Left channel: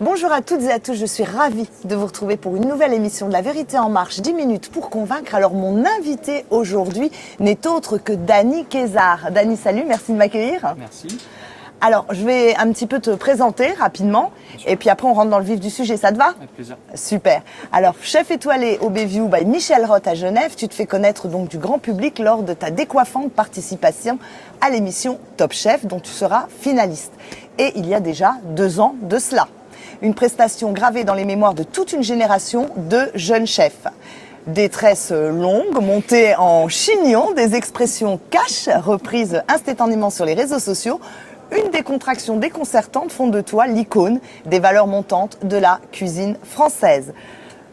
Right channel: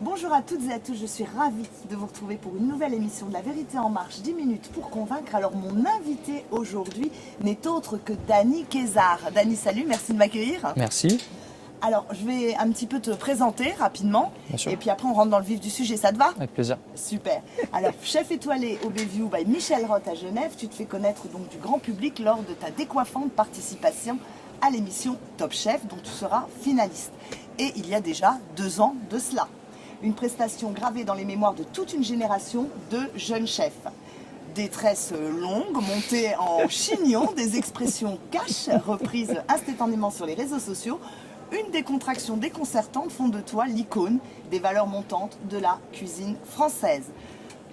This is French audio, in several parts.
Bonjour à toutes et à tous, je suis ravie de vous retrouver pour une nouvelle émission de La Vérité en Marche, 10 minutes pour convaincre. Alors mon invité aujourd'hui n'est autre que Dany Kézard. Dany, salut, merci de m'accueillir. Merci. Alors je vais un petit peu te présenter rapidement et puis après on rentre dans le vif du sujet, ça te va? Avec plaisir. Super. Alors chef étoilé au Bayview by Michel Roth à Genève, tu te fais connaître donc du grand public lors de ta décoiffante participation à l'émission Top Chef dont tu seras finaliste. Et il y a déjà 2 ans de cela. Une prestation gravée dans les mémoires de toute une génération de jeunes chefs. Des tresses longues, montées en chignon, des expressions cash, reprises instantanément sur les réseaux sociaux. Une décontraction déconcertante font de toi l'icône des valeurs montantes de la cuisine française.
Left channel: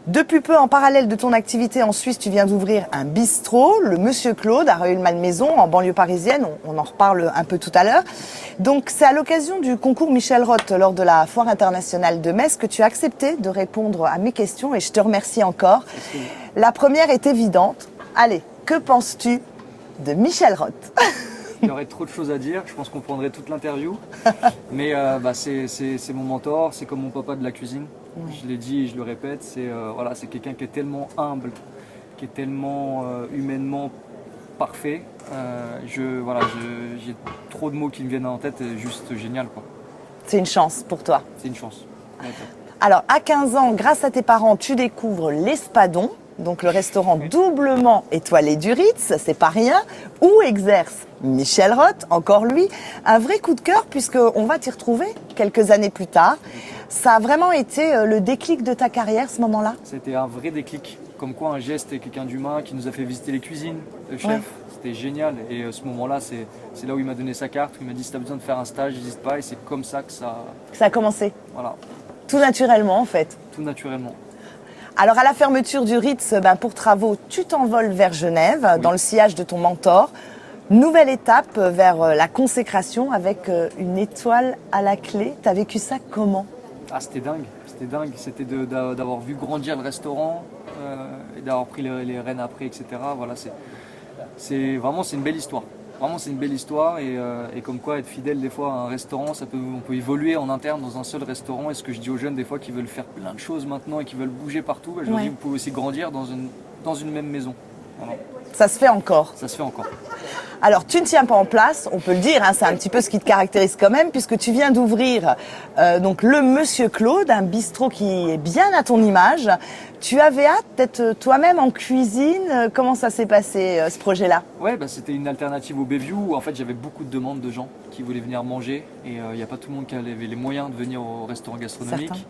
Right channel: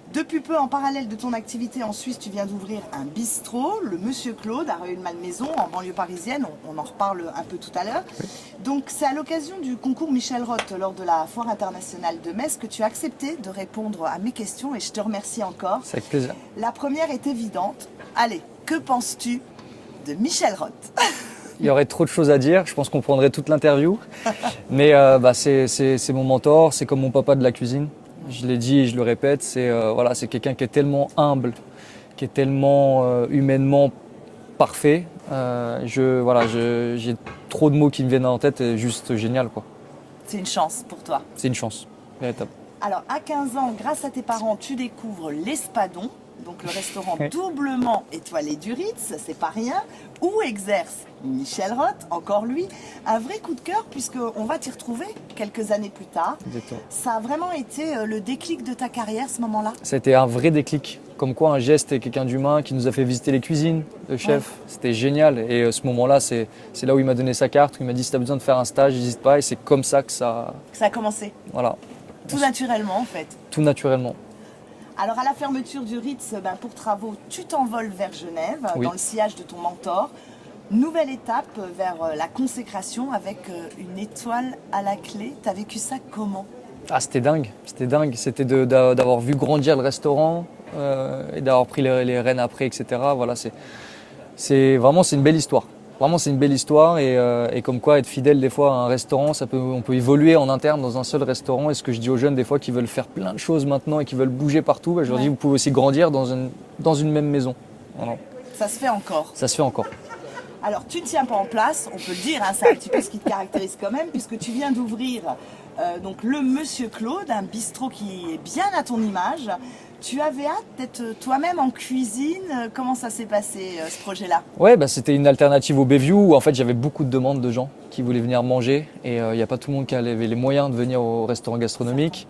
Depuis peu, en parallèle de ton activité en Suisse, tu viens d'ouvrir un bistrot, le Monsieur Claude, à Rueil-Malmaison, en banlieue parisienne. On en reparle un peu tout à l'heure. Donc, c'est à l'occasion du concours Michel Roth lors de la Foire internationale de Metz que tu as accepté de répondre à mes questions et je te remercie encore. C'est avec plaisir. La première est évidente. Allez, que penses-tu de Michel Roth ? Il y aurait trop de choses à dire. Je pense qu'on prendrait toute l'interview. Mais c'est mon mentor. C'est comme mon papa de la cuisine. Je l'ai dit et je le répète. C'est quelqu'un qui est tellement humble, qui est tellement humainement parfait. J'ai trop de mots qui me viennent en tête et juste génial, quoi. C'est une chance pour toi. C'est une chance, véritable. Alors, à 15 ans, grâce à tes parents, tu découvres l'Espadon, donc le restaurant doublement étoilé du Ritz, c'est pas rien, où exerce Michel Roth, encore lui, un vrai coup de cœur puisqu'on va t'y retrouver quelques années plus tard. Exactement. Ça a vraiment été le déclic de ta carrière, ce moment-là? C'était un vrai déclic. Comme quoi un geste et quelqu'un d'humain qui nous a fait visiter les cuisines, le chef, C'était génial. Et ce moment-là, c'est là où il m'a donné sa carte, où il m'a dit si tu as besoin de faire un stage, n'hésite pas. Et c'est comme ça que ça... Ça a commencé, Voilà, tout naturellement en fait. tout naturellement. Alors à la fermeture du Ritz, pour travaux, tu t'envoles vers Genève, Oui. dans le sillage de ton mentor. Nouvelle étape vers la consécration avec une étoile à la clé. T'as vécu ça comment? Ah, c'était dingue, c'était dingue. C'était d'avoir vu grandir le restaurant et d'avoir pris les rênes après, etc. Voilà, c'est une belle histoire. Vraiment, c'est une belle histoire et comme quoi être fidèle des fois à un restaurant, on peut évoluer en interne dans un seul restaurant. Et ce que je dis aux jeunes des fois qui veulent faire plein de choses maintenant et qui veulent bouger partout, je leur dis vous pouvez aussi grandir dans une même maison. Voilà. Ça se fait encore. Ça se fait encore. Alors, tu ne tiens pas en place, on peut le dire, c'est un petit peu ce qui te caractérise quand même, puisque tu viens d'ouvrir donc le Monsieur Claude, un bistrot qui est bien à ton image. Tu avais hâte d'être toi-même en cuisine. Comment ça s'est passé, ce projet-là? Ouais, c'était une alternative au Bayview où en fait j'avais beaucoup de demandes de gens qui voulaient venir manger et il n'y a pas tout le monde qui avait les moyens de venir au restaurant gastronomique.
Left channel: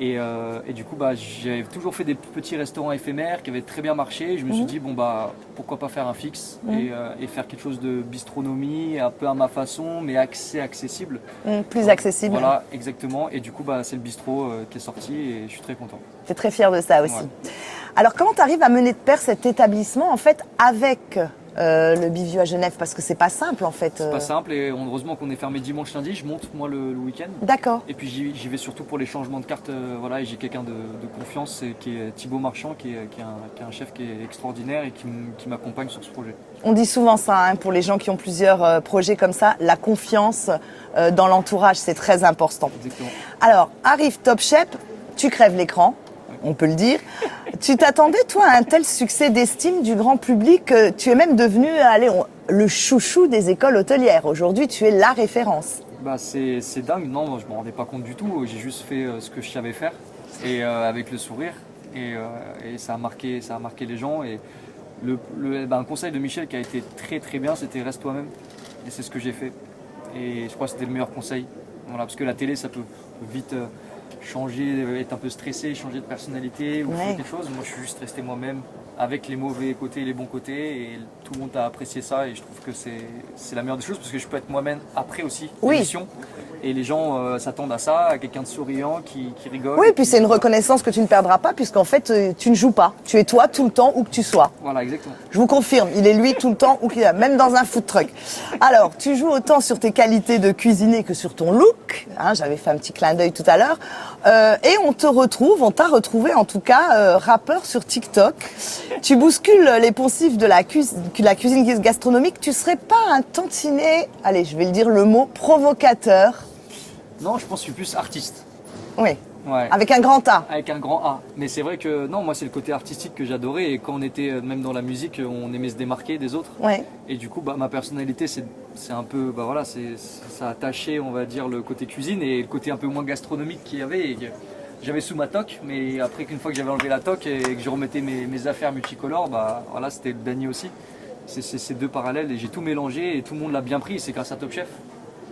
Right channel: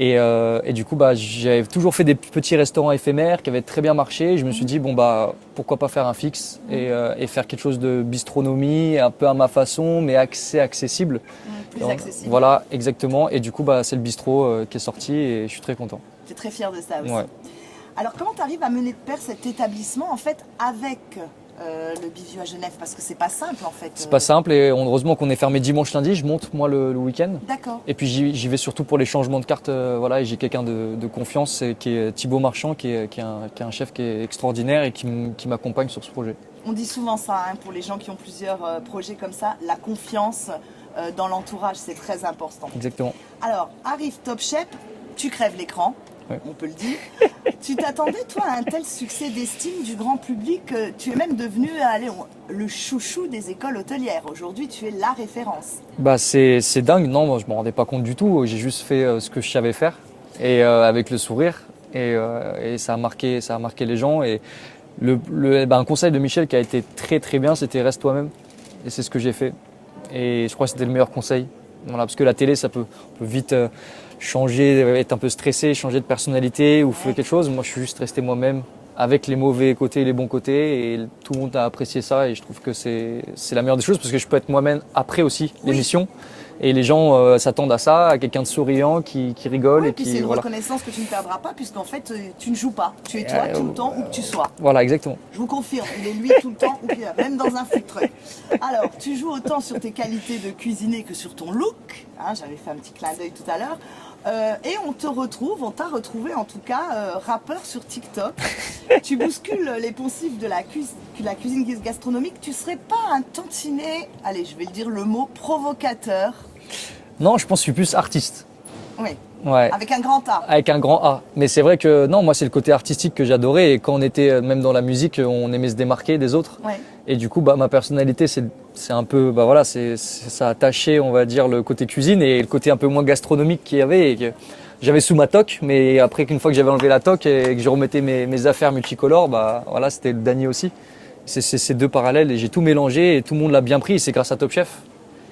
Et du coup, j'avais toujours fait des petits restaurants éphémères qui avaient très bien marché. Et je me suis dit, pourquoi pas faire un fixe et faire quelque chose de bistronomie, un peu à ma façon, mais accessible. Plus accessible. Voilà, exactement. Et du coup, c'est le bistrot qui est sorti et je suis très content. Tu es très fier de ça aussi. Ouais. Alors, comment tu arrives à mener de pair cet établissement, en fait, avec le Bayview à Genève? Parce que c'est pas simple, en fait. C'est pas simple et heureusement qu'on est fermé dimanche, lundi. Je monte, moi, le week-end. D'accord. Et puis j'y vais surtout pour les changements de cartes. Et j'ai quelqu'un de confiance qui est Thibaut Marchand, qui est un chef qui est extraordinaire et qui m'accompagne sur ce projet. On dit souvent ça, pour les gens qui ont plusieurs projets comme ça, la confiance dans l'entourage, c'est très important. Exactement. Alors, arrive Top Chef, tu crèves l'écran. Ouais. On peut le dire. Tu t'attendais, toi, à un tel succès d'estime du grand public. Tu es même devenu le chouchou des écoles hôtelières. Aujourd'hui, tu es la référence. C'est dingue. Non, moi, je ne me rendais pas compte du tout. J'ai juste fait ce que je savais faire et avec le sourire. Et ça a marqué les gens. Et un conseil de Michel qui a été très très bien, c'était reste toi-même. Et c'est ce que j'ai fait. Et je crois que c'était le meilleur conseil. Voilà, parce que la télé, ça peut vite changer, être un peu stressé, changer de personnalité ou faire quelque chose. Moi, je suis juste resté moi-même avec les mauvais côtés et les bons côtés. Et tout le monde a apprécié ça. Et je trouve que c'est la meilleure des choses parce que je peux être moi-même après aussi l'émission. Et les gens s'attendent à ça, à quelqu'un de souriant qui rigole. Oui, et puis c'est une reconnaissance que tu ne perdras pas puisqu'en fait, tu ne joues pas. Tu es toi tout le temps où que tu sois. Voilà, exactement. Je vous confirme, il est lui tout le temps, même dans un food truck. Alors, tu joues autant sur tes qualités de cuisinier que sur ton look. J'avais fait un petit clin d'œil tout à l'heure. Et on t'a retrouvé en tout cas rappeur sur TikTok. Tu bouscules les poncifs de la cuisine gastronomique. Tu serais pas un tantinet, allez, je vais le dire le mot, provocateur? Non, je pense que je suis plus artiste. Oui. Ouais. Avec un grand A. Avec un grand A. Mais c'est vrai que non, moi c'est le côté artistique que j'adorais et quand on était même dans la musique, on aimait se démarquer des autres. Ouais. Et du coup, ma personnalité, c'est un peu, voilà, ça a taché, on va dire, le côté cuisine et le côté un peu moins gastronomique qu'il y avait. Et que j'avais sous ma toque, mais après qu'une fois que j'avais enlevé la toque et que je remettais mes affaires multicolores, voilà, c'était le Dany aussi. C'est ces deux parallèles et j'ai tout mélangé et tout le monde l'a bien pris. Et c'est grâce à Top Chef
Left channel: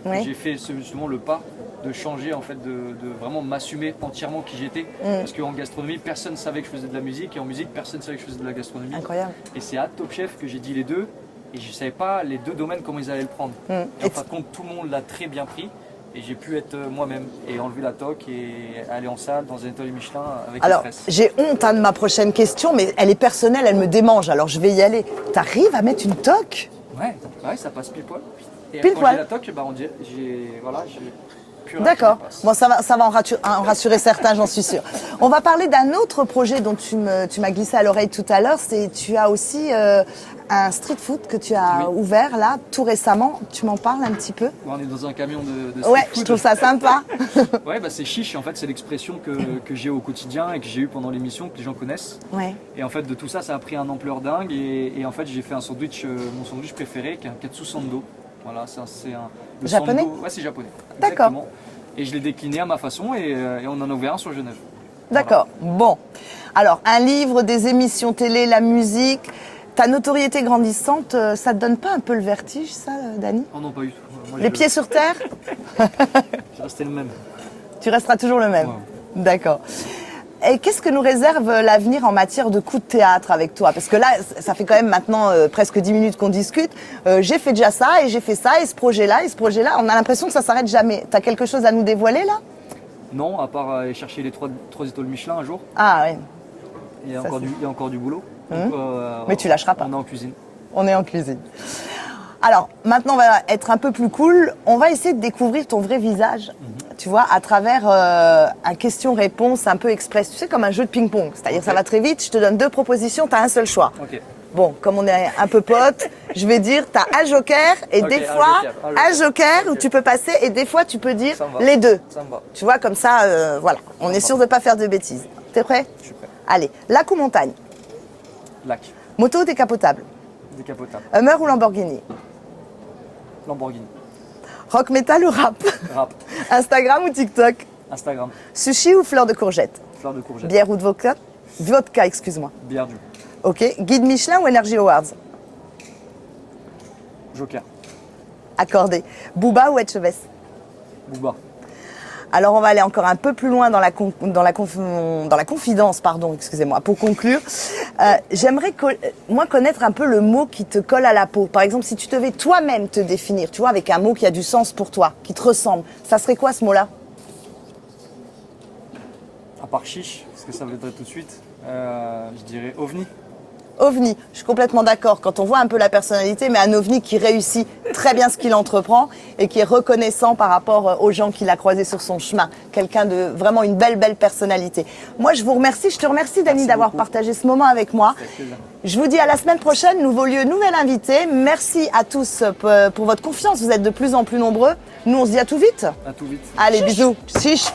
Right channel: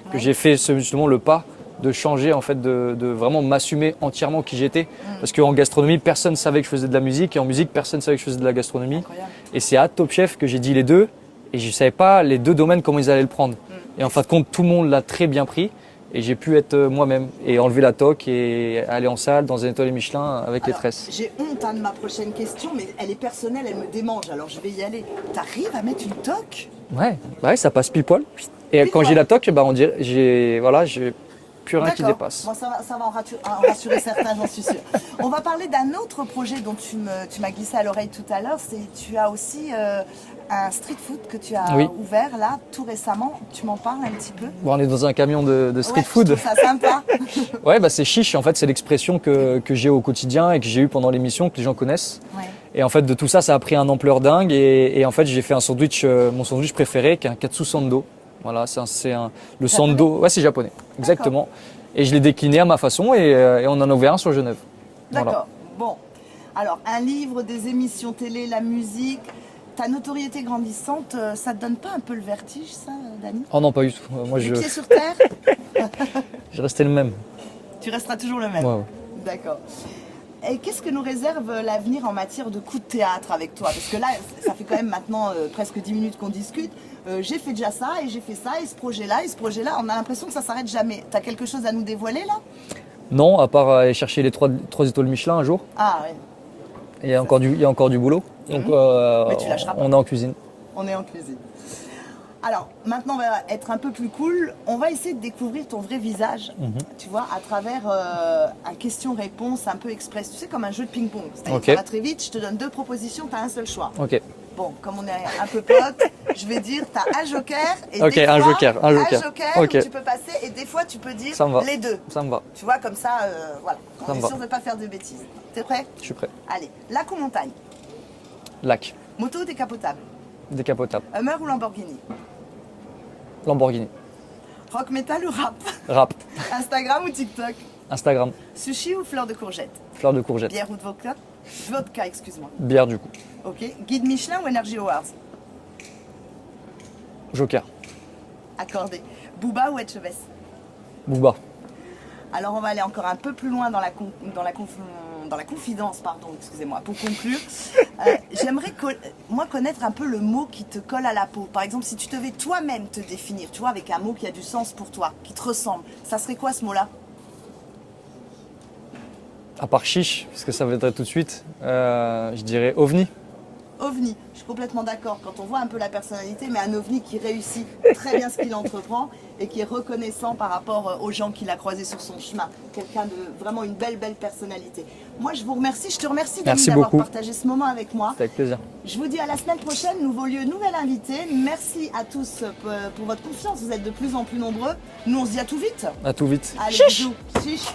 que j'ai fait justement le pas de changer, en fait, de vraiment m'assumer entièrement qui j'étais. Parce qu'en gastronomie, personne ne savait que je faisais de la musique et en musique, personne ne savait que je faisais de la gastronomie. Incroyable. Et c'est à Top Chef que j'ai dit les deux et je ne savais pas les deux domaines comment ils allaient le prendre. Et en fin de compte, tout le monde l'a très bien pris et j'ai pu être moi-même et enlever la toque et aller en salle dans un étoile Michelin avec le Alors, stress. j'ai honte de ma prochaine question, mais elle est personnelle, elle me démange, alors je vais y aller. T'arrives à mettre une toque? Ouais, ça passe pile poil. Et Pile quand poil. j'ai la toque, on dirait, j'ai plus rien qui D'accord. dépasse. Bon, ça va en rassurer certains, j'en suis sûre. On va parler d'un autre projet dont tu m'as glissé à l'oreille tout à l'heure. Tu as aussi un street food que tu as ouvert là tout récemment. Tu m'en parles un petit peu? Bon, on est dans un camion de street Ouais, food. je trouve ça sympa. Ouais, c'est chiche. En fait, c'est l'expression que j'ai au quotidien et que j'ai eu pendant l'émission, que les gens connaissent. Ouais. Et en fait, de tout ça, ça a pris une ampleur dingue. Et en fait, j'ai fait un sandwich, mon sandwich préféré, qui est un katsu sando. Voilà, le Japonais? sando. Ouais, c'est japonais. D'accord. Exactement. Et je l'ai décliné à ma façon et on en a ouvert un sur Genève. D'accord. Bon. Alors, un livre, des émissions télé, la musique. Ta notoriété grandissante, ça te donne pas un peu le vertige, ça, Dany? Oh non, pas du tout. Moi, Les pieds sur terre? je restais le même. Tu resteras toujours le même. Ouais. D'accord. Et qu'est-ce que nous réserve l'avenir en matière de coups de théâtre avec toi? Parce que là, ça fait quand même maintenant presque 10 minutes qu'on discute. J'ai fait déjà ça et j'ai fait ça et ce projet-là, on a l'impression que ça s'arrête jamais. T'as quelque chose à nous dévoiler là? Non, à part aller chercher les 3 étoiles Michelin un jour. Ah ouais. Il y a encore du boulot. Donc, Mais tu lâcheras pas. On est en cuisine. On est en cuisine. Alors, maintenant, on va être un peu plus cool. On va essayer de découvrir ton vrai visage, tu vois, à travers un question-réponse un peu express. Tu sais, comme un jeu de ping-pong. C'est-à-dire, ça va très vite, je te donne 2 propositions, tu as un seul choix. Ok. Bon, comme on est un peu potes, je vais dire, tu as un joker et Ok, des un fois, joker. où Ok. tu peux passer et des fois, tu peux dire Ça me va. les deux. Ça me va. Tu vois, comme ça, voilà, on Ça est me sûr va. de ne pas faire de bêtises. T'es prêt? Je suis prêt. Allez, lac ou montagne? Lac. Moto ou décapotable? Décapotable. Hummer ou Lamborghini? Lamborghini. Rock, métal ou rap? Rap. Instagram ou TikTok? Instagram. Sushi ou fleur de courgette? Fleur de courgette. Bière ou de vodka? Vodka, excuse-moi. Bière du coup. Ok. Guide Michelin ou Energy Awards? Joker. Accordé. Booba ou Etchebest? Booba. Alors on va aller encore un peu plus loin dans la confidence, pardon, excusez-moi. Pour conclure, j'aimerais moi connaître un peu le mot qui te colle à la peau. Par exemple, si tu devais toi-même te définir, tu vois, avec un mot qui a du sens pour toi, qui te ressemble, ça serait quoi ce mot-là? À part chiche, parce que ça viendrait tout de suite, je dirais ovni. OVNI, je suis complètement d'accord. Quand on voit un peu la personnalité, mais un OVNI qui réussit très bien ce qu'il entreprend et qui est reconnaissant par rapport aux gens qu'il a croisés sur son chemin. Quelqu'un de vraiment une belle personnalité. Moi, je vous remercie. Je te remercie, Dany, Merci d'avoir beaucoup. partagé ce moment avec moi. Avec plaisir. Je vous dis à la semaine prochaine. Nouveau lieu, nouvel invité. Merci à tous pour votre confiance. Vous êtes de plus en plus nombreux. Nous, on se dit à tout vite. À tout vite. Allez, Chiche. bisous. Chiche.